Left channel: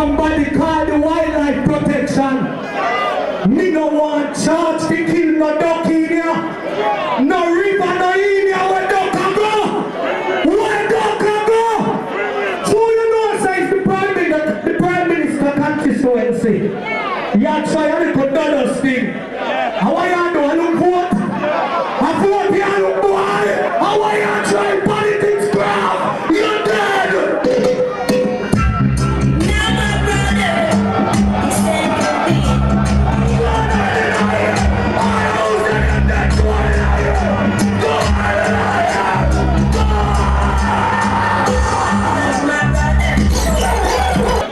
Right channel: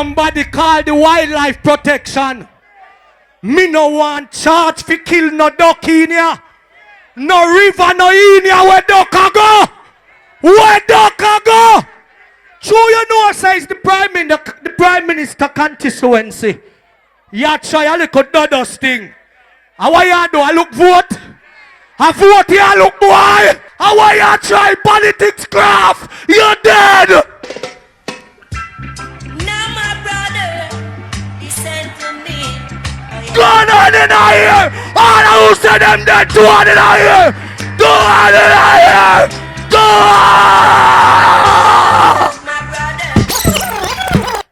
somebody call the wildlife protection. Me no want charge for kill no duck in here. No river no in here where duck a go. Where duck a go. So you know says the prime minister constituency. You try a little dodos thing. How are you do? I look vote. I vote here look boy. How are you try politics craft? You're dead. Go on in here! All who said them dead, go on in here! Go on in here! Go on!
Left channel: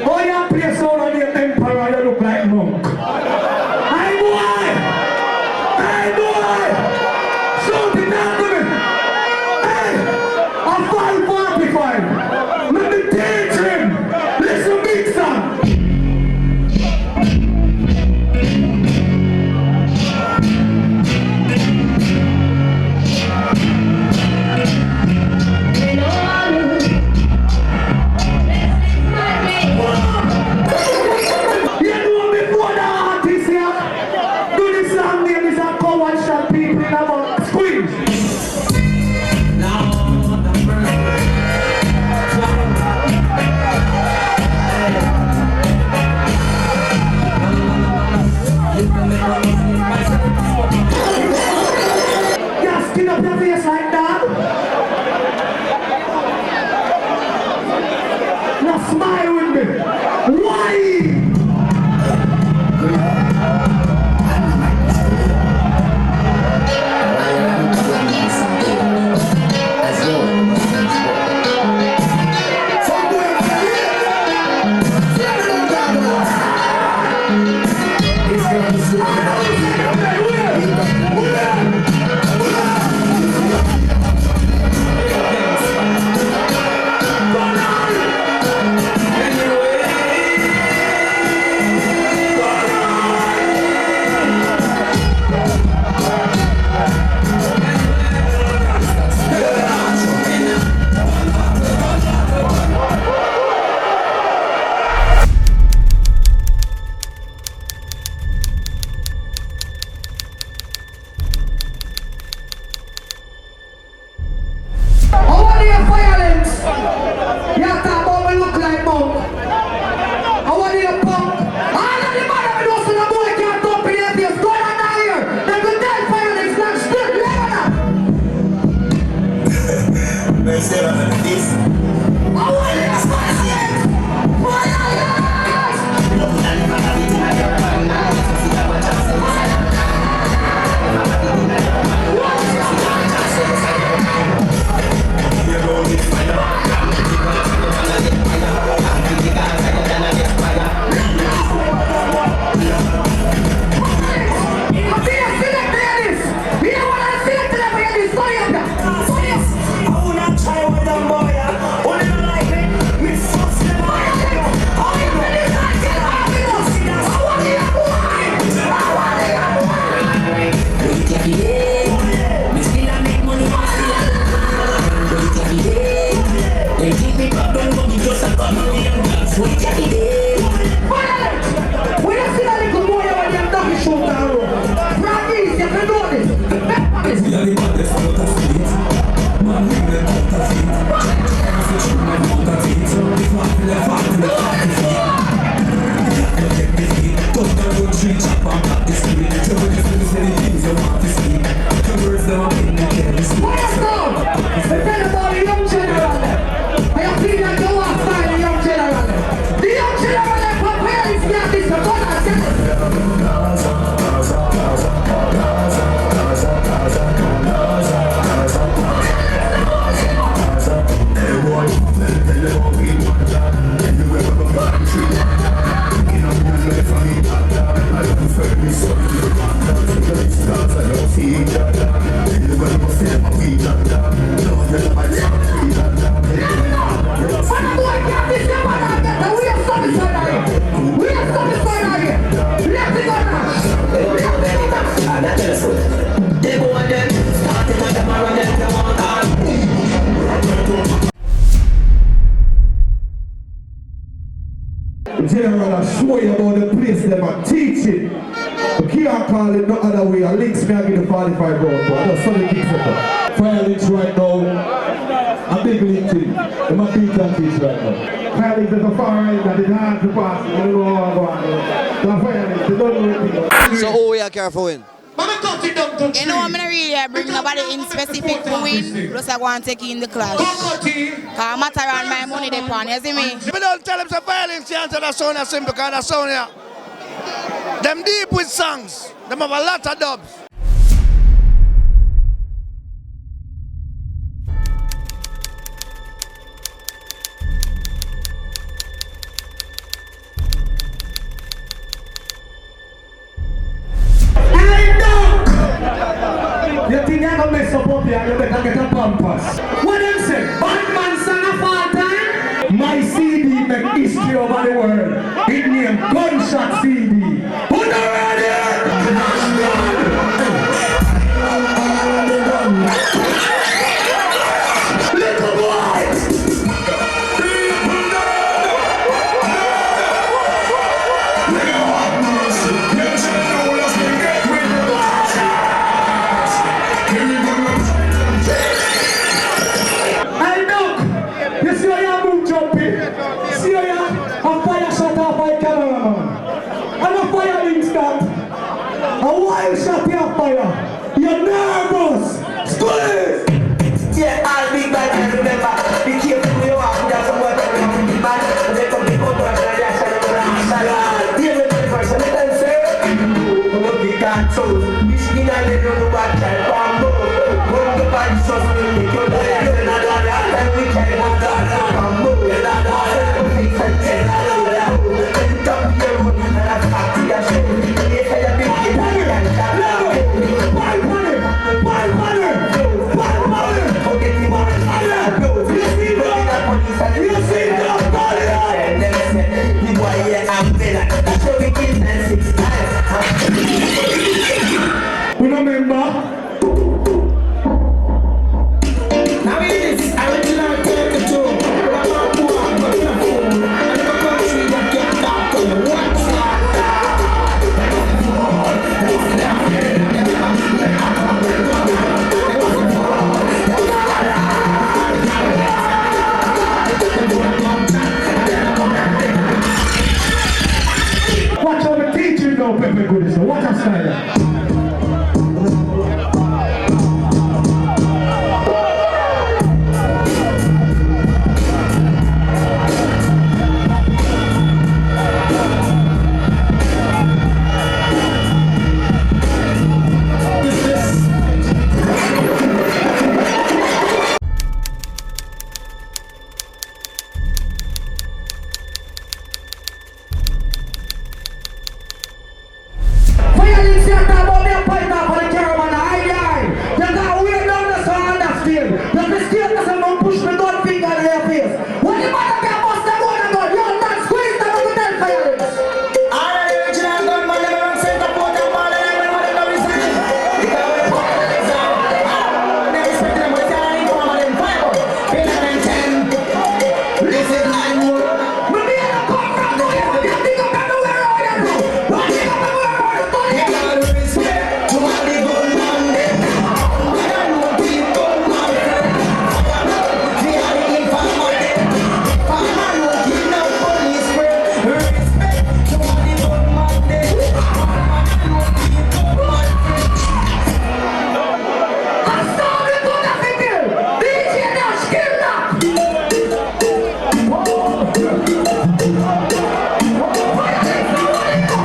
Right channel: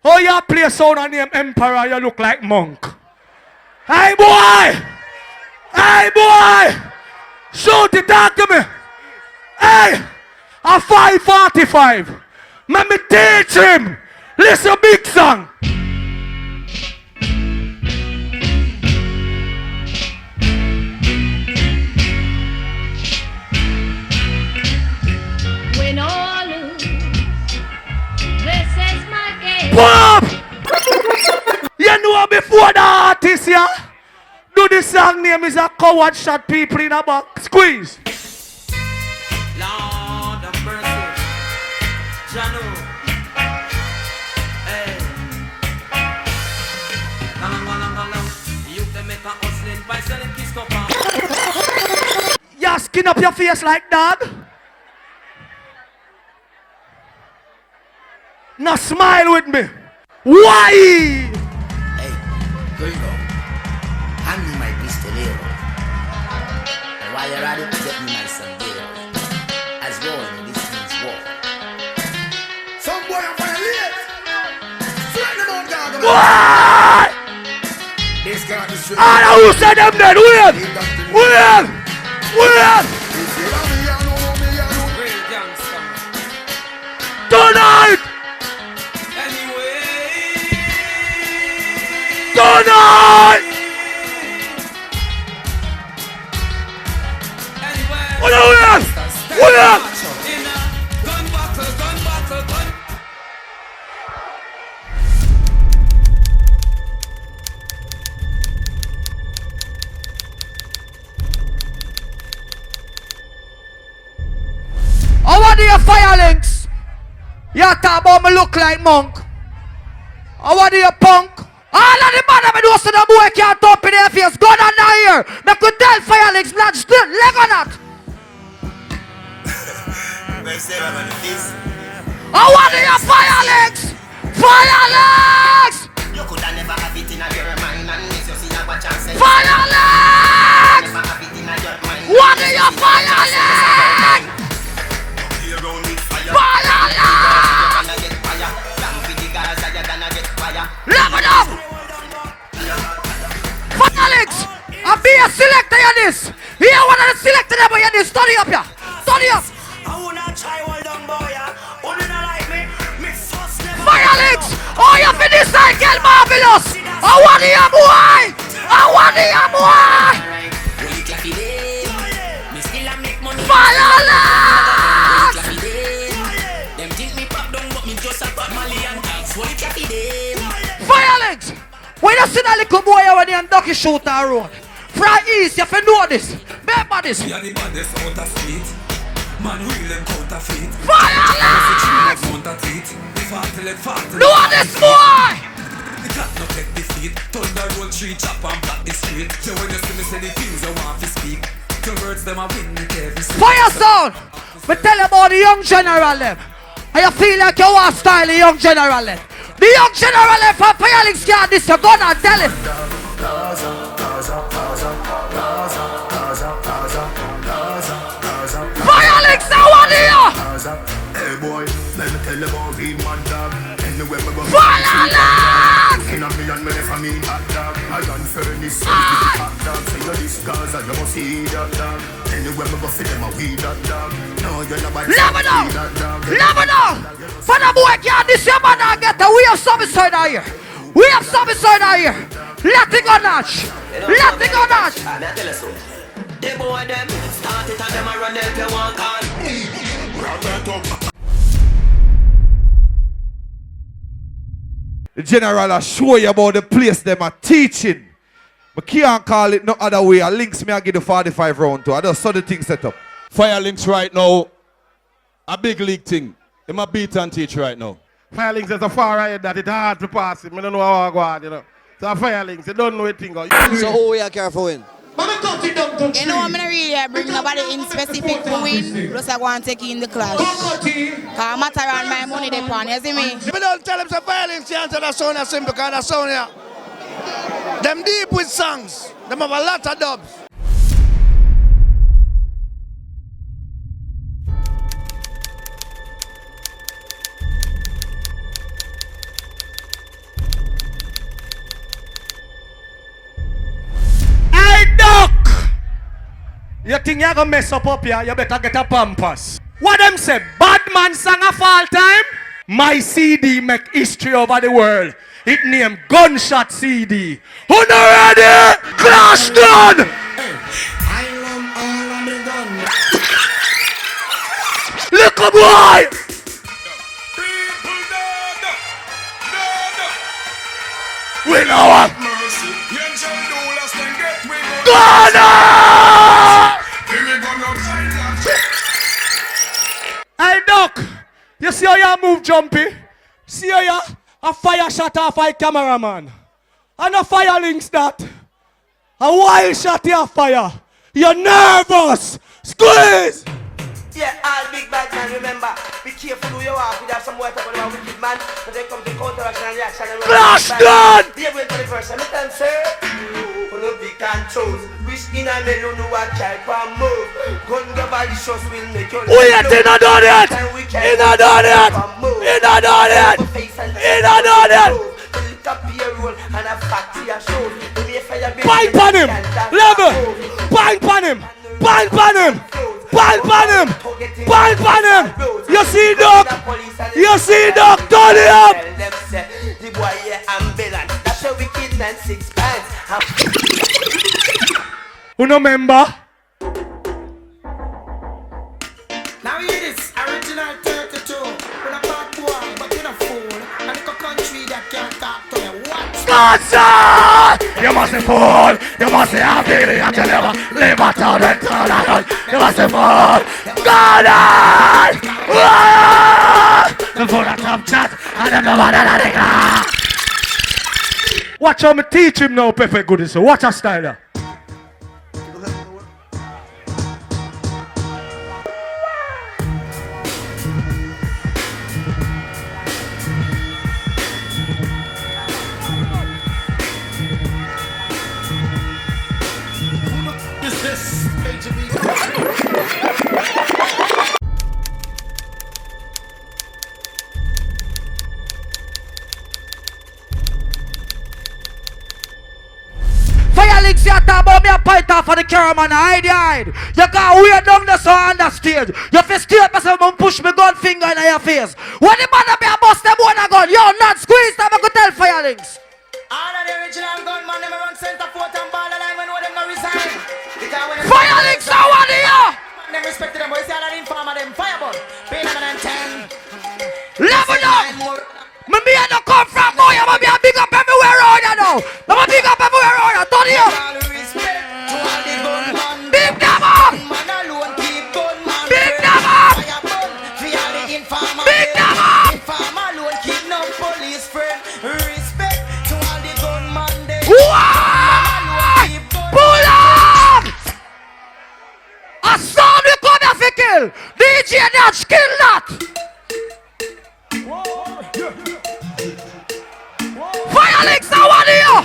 Oh, you play sound on name Emperor, you look like monk. Hey boy! Hey boy! Shoot it out to me! Hey! A 545! Let me teach him! Listen, big son! Bob! You know before the artist here? Do the song name is a coward shot people in a back. Squeeze. You skin up your face like that? Now smile with me. Why? What? Ah, who said them then? Where? Tonight! Tonight! What up? How are your violence? You talk about me look like monk. How are you punk? All of the man that knows the boy can't talk in their face. Go down here. They could tell violence not still live on that. How are you violence? Violence! Violence! What are you violence? I'm being a selector in this. Here one of the selected ever in this. Study up here. Study up. Violence! Oh, you finish cycle marvelous! I want the boy! I want the boy! Violence! Violence! When you see that little boy when you're ducky shoot that road, from east, you can do this. Remember this. Violence! Do this, boy! Firestone! But tell them about the young general left. And you feel like you want to style the young general left. The young general left from Violence can't this, you're gonna tell him. Violence now on here! Violence! Lebanon! For the boy can't this your mother get the we have some inside out here. We have some inside out here. Let it go Nash. Let it go Nash. General, I show you about the place them and teach it. You can't call it no other way. I links me and give the 45 round to. I just saw the thing set up. Fire links right now. A big league thing. I'm a beat and teach right now. Fire links is a far end that it's hard to pass. We don't know how I go on. The fire links, they don't know anything. So who are careful with? You know, I'm not really bring nobody in specific to win. Plus, I want to take in the clash. I'm not around my money, they pan, you see me? If you don't tell them some violence, you answer that sound as simple because that sound here. Them deep with songs. Them have a lot of dubs. You think you're gonna mess up here? You better get a pampas. What them say? Bad man sang a fall time? My CD make history over the world. It named Gunshot CD. Who not ready? Clash done! Little boys! We know what? Gunner! Hey Doc, you see how you move jumpy? See how you a fire shot off by cameraman? And a fire links that. A wild shot off fire. You're nervous. Squeeze! Yeah, I'll be back and remember. Be careful who you are. Put out some work around the man. And they come big out and Flash done! Here with my person, let them say. Who no big and toes. Wishing and they don't know what type of move. We ain't in a done it! In a done it! In a done it! In a done it! Pipe on him! Level! Pipe on him! Pipe on him! Pipe on him! Pipe on him! You see Doc? You see Doc? Turn it up! You know member? You must be fool, you must be happy, you can never live until the sun. You must be fool, God! Watch how me teach him now, Pepe Goodie, so watch us Snyder. For the caravan, you can't wait down the sun on the stage. You feel straight for someone push me gun finger in your face. When the man up here bust them one a gun, yo, not squeeze them, I could tell fire links. Fire links are one here. Level up. Me be no come from now, you be a big up everywhere around you now. I'm a big up everywhere around you, don't you? Skill that! Fire links now, one here!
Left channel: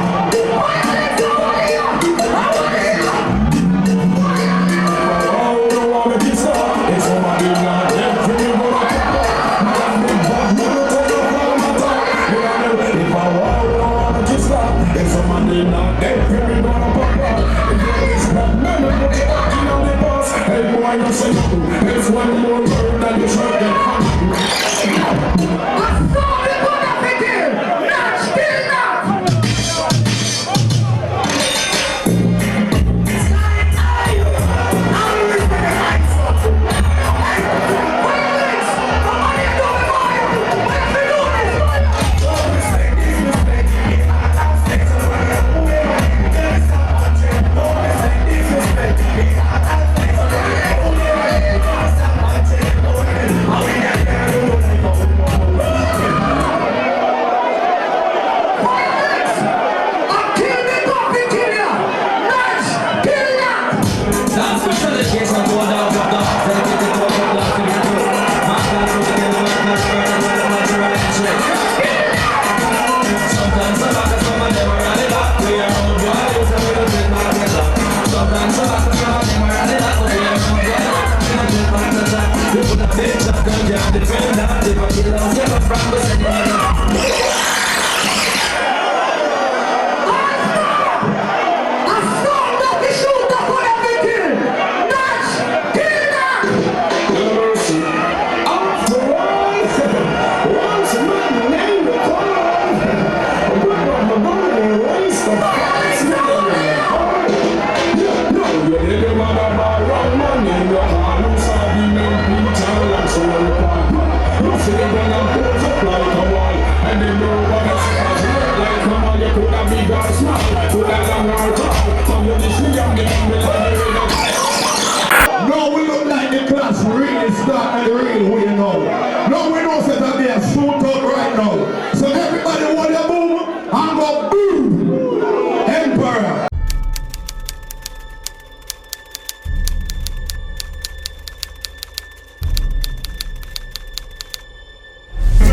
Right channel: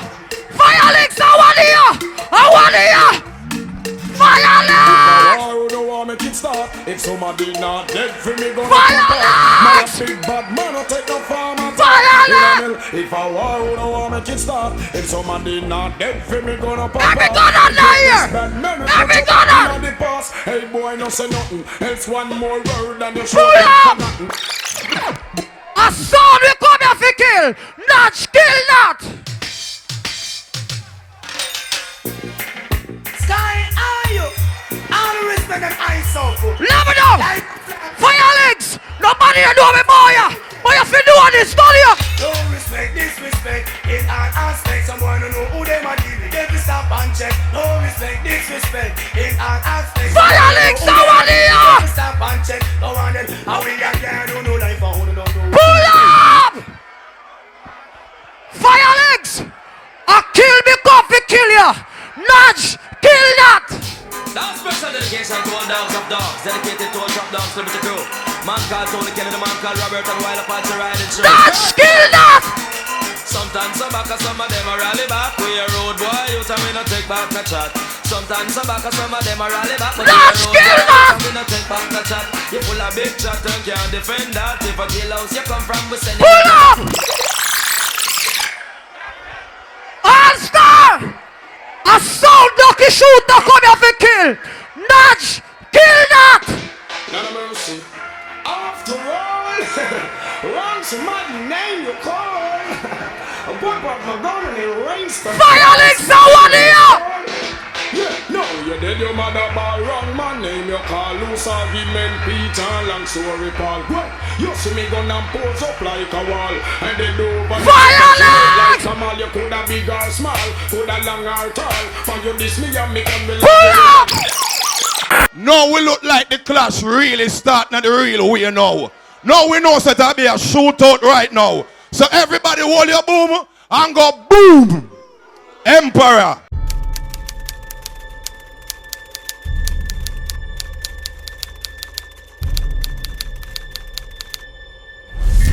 Not skill that! Sometimes some back, some of them are rally back. We are road boy, you tell me to take back the clock. Sometimes some back, some of them are rally back. Not skill that! People are big shot, them can't defend that. If a killer house, you come from the city. Pull up! Master! A sound ducky shoot the could have been killed! Natch! Kill that! Violence now one here! Violence! Pull up! No, we look like the clash really starting at the real way now. No, we know that there'll be a shootout right now. So everybody hold your boom and go boom! Emperor!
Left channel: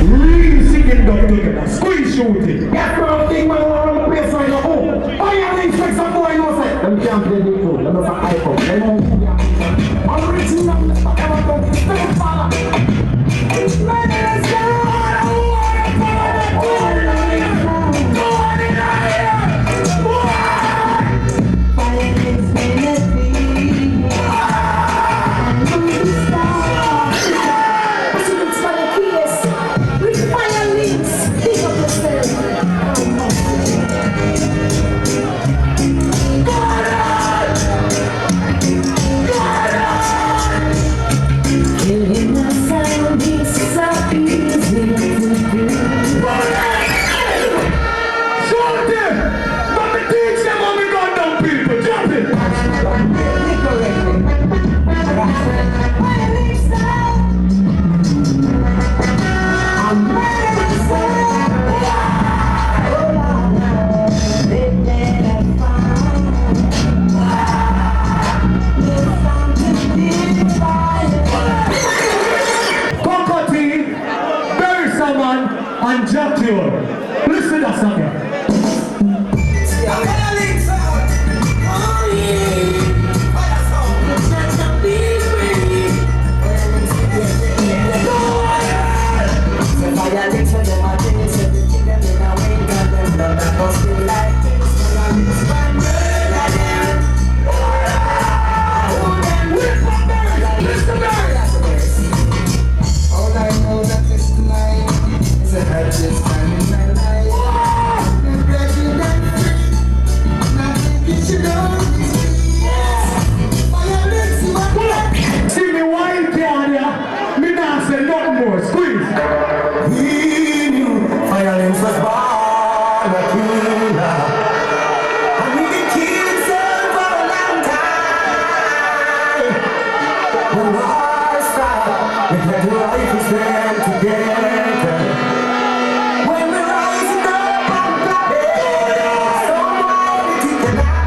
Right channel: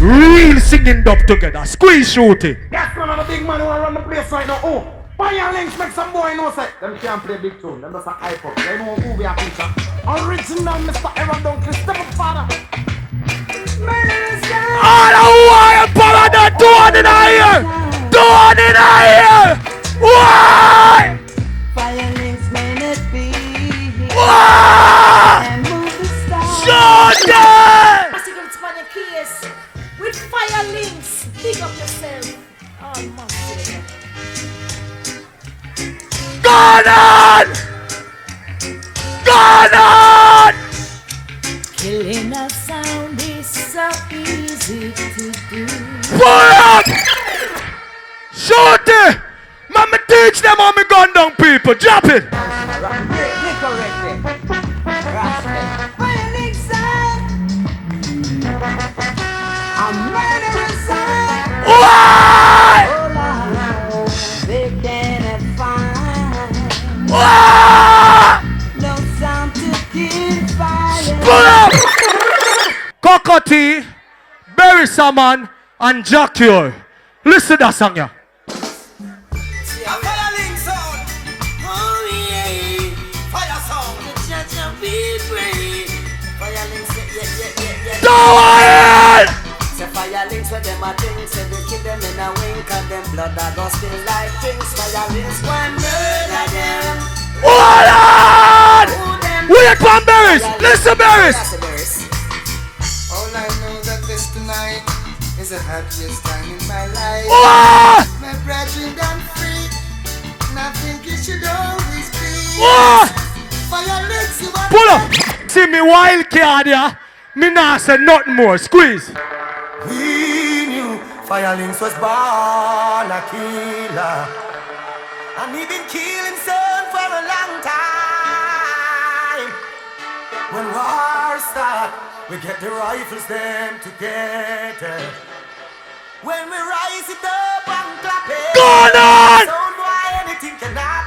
Real singing up together, squeeze shooting. That's the thing, man, we're on the place right now. Oh, why you going to expect some boy no say? Them can't play the fool, them are iPhone. They won't move your picture. Original Mr. Error, don't be stuck, father. All the wire power not doing in here! Doing in here! Why? Why? Shut Gone on! Gone on! Killing the sound is so easy to do. Pull up! Shoot it! Let me teach them how me gun down people. Drop it! Why? Why? Pull up! Cocotti, Barry Saman, and Jackie. Listen to that song, yeah. Go ahead! Hold on! Wait for Barry's! Listen, Barry's! All I know that this tonight is the happiest time in my life. Oh! My brethren done free. My thinking should always be. Oh! Violence in my Pull up! See me wild card here. Me nah say nothing more. Squeeze. We knew violence was born a killer. And we've been killing some for a long time. When war strikes, we get the rifles them together. When we're rising up and clapping, Go on! so why we think of that?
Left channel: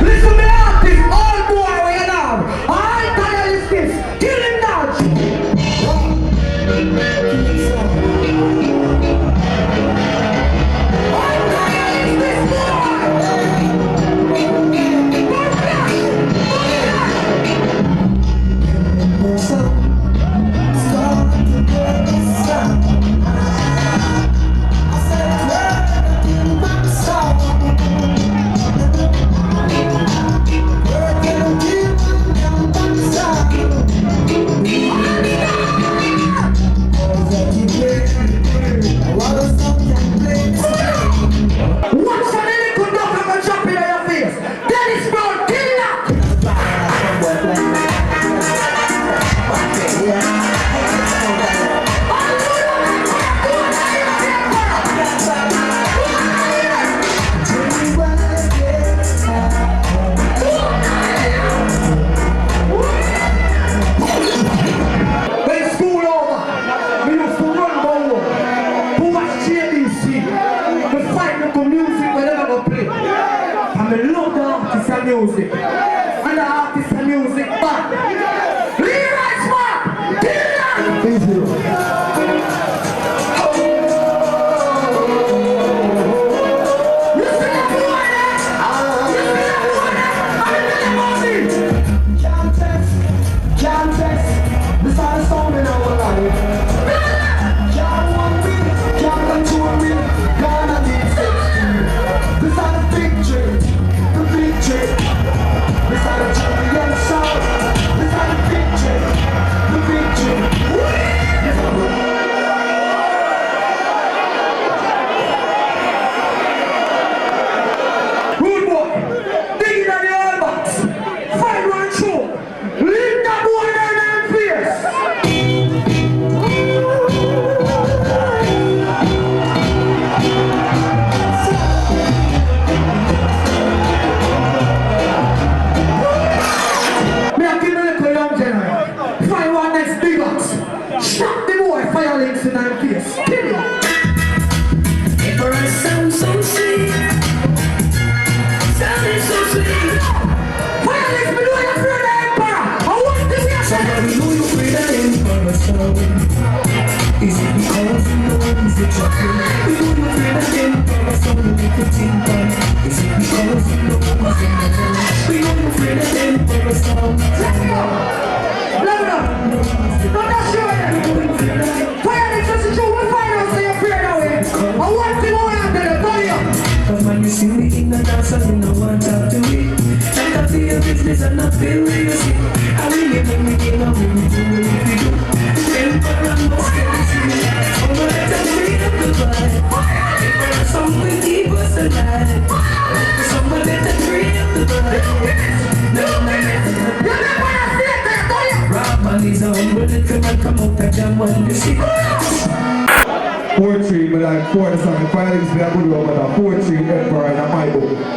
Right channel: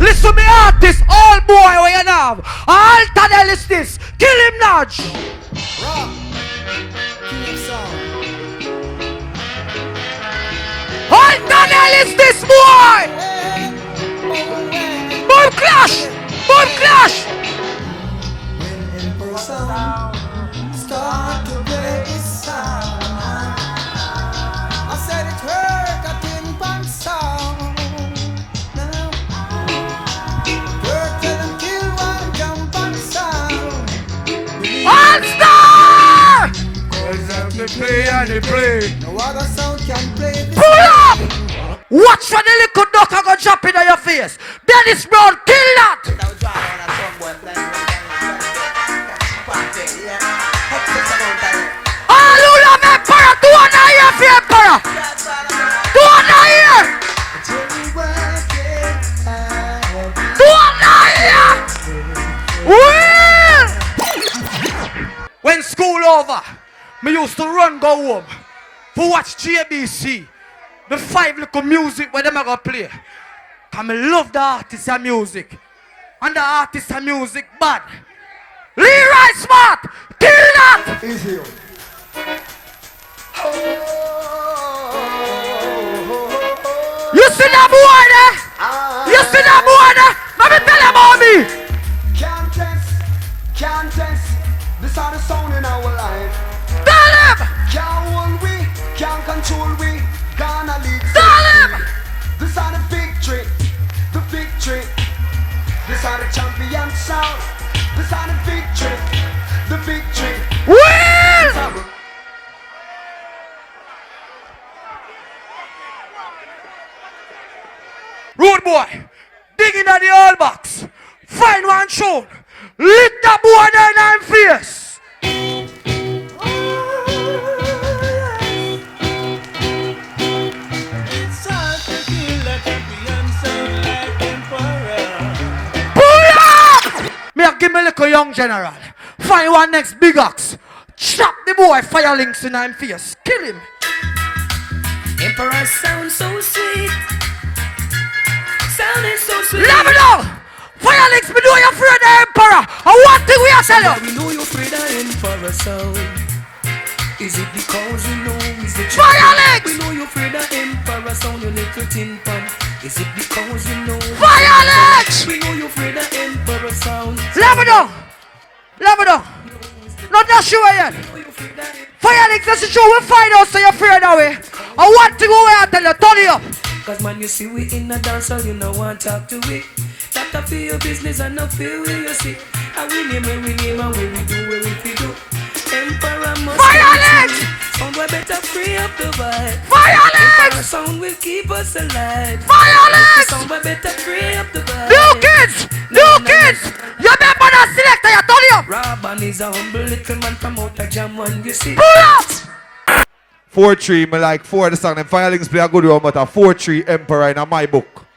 Listen to me artist, all boy where you now. All Tadel is this. Kill him now. All Tadel is this boy. Bull clash. Bull clash. Start to play this song. I said it hurt, I didn't want the song. Words that don't kill one, jump on the sound. All star. What a song can play. Pull up. Watch when the little duck go jump in your face. Dennis Brown, kill that. Hallelujah, man, para. Do one here, fear, para. Do one here. Do one here. Well. When school over, we used to run go home. Who watch JBC? The fight local music when them ever play. Come I love the artist and music. And the artist and music bad. Leroy Smart! Kill that! You see that boy there? You see that boy there? Let me tell you about me! Can't test. This is the sound in our life. Tell him! Can't hold me, can't control me. Gonna need. Tell him! This is the victory, the victory. This is the champion sound. This is the victory, the victory. Will! Rude boy, dig in the old box. Find one show. Lick that boy down and face. Me a give me little young general. Find one next big ox. Shot the boy, fire links in his face. Kill him. Emperor sound so sweet. Sounding so sweet. Let me know. Fire links, me know you're afraid of the emperor. And one thing we are tell you. We know you're afraid of Emperor sound. Is it because you know he's the truth? Fire links. We know you're afraid of Emperor sound. When they put in one. Is it because you know? Fire links. We know you're afraid of Emperor sound. Let me know. Let me know. Not that sure yet. Fire links, that's the truth. We'll find out so you're afraid of it. And one thing we are tell you, tell you. Cause when you see me in the dance, you know one talk to me. Like I feel your business and I feel what you see. I really when we give up, we do what we do. Fire links. Oh, but let us free up the vibe. Fire links. Song will keep us alive. Fire links. Song will let us free up the vibe. New kids. New kids. You remember that selector, I told you. Rock Molly's a humble little man, come out and jam when you see. Pull up. 4-3, me like 4 the song. And Fire Links play a good one, but a 4-3 Emperor in my book.